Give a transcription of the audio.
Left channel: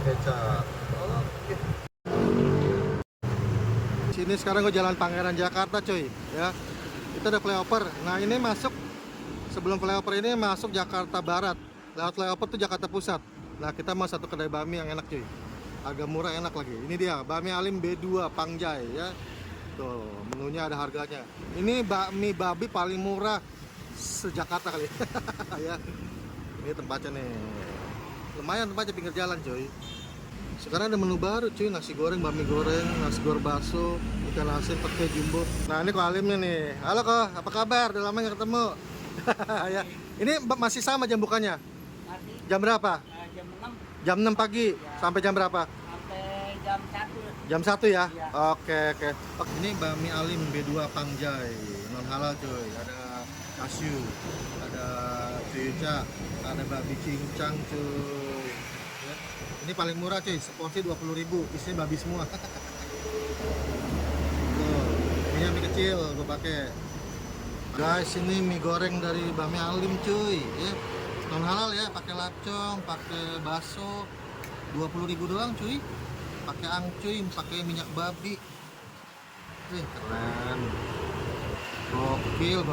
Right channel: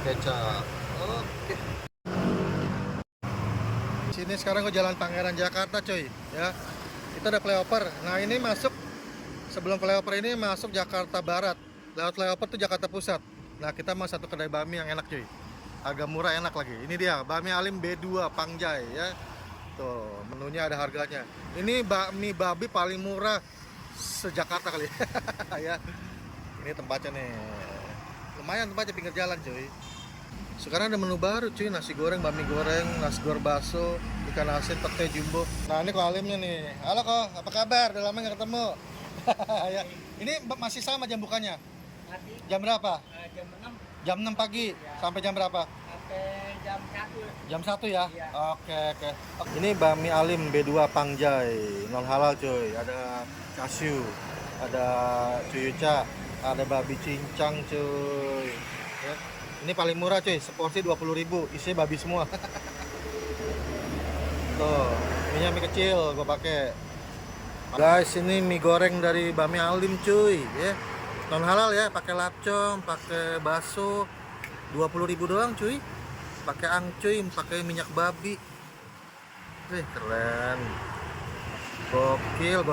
kecap. Oke. Sini sekarang gue jalan Pangeran Jakarta cuy ya. Kita ada flyover. Nah ini masuk, sebelum flyover ini masuk Jakarta Barat. Lewat flyover tuh Jakarta Pusat. Nah kita mau satu kedai bami yang enak cuy. Agak murah, enak lagi. Ini dia Bami Alim B2 Pangjai ya. Tuh menunya ada harganya. Ini bakmi babi paling murah se-Jakarta kali ya. Ini tempatnya nih. Lumayan tempatnya, pinggir jalan cuy. Sekarang ada menu baru cuy, nasi goreng, bami goreng, nasi goreng bakso, ikan asin, pete jumbo. Nah ini Ko Alimnya nih. Halo Ko, apa kabar? Udah lama nggak ketemu. Ya. Ini masih sama jam bukanya? Masih Jam berapa? jam 6 Jam 6 pagi sampai jam berapa? sampai jam 1. Jam 1 ya? Iya. Oke. Ini Bami Alim B2 Pangjai, non halal cuy. Ada kasiu, ada cuica, ada babi cincang cuy. Ya. Ini paling murah cuy, seporsi 20.000, isinya babi semua. Tuh, ini mie kecil gue pakai. Guys, ini mie goreng dari Bami Alim cuy, ya. Non halal ya, pakai lapcom, pakai bakso, 20.000 doang cuy. Pakai angcuy, pakai minyak babi. Keren. Gokil.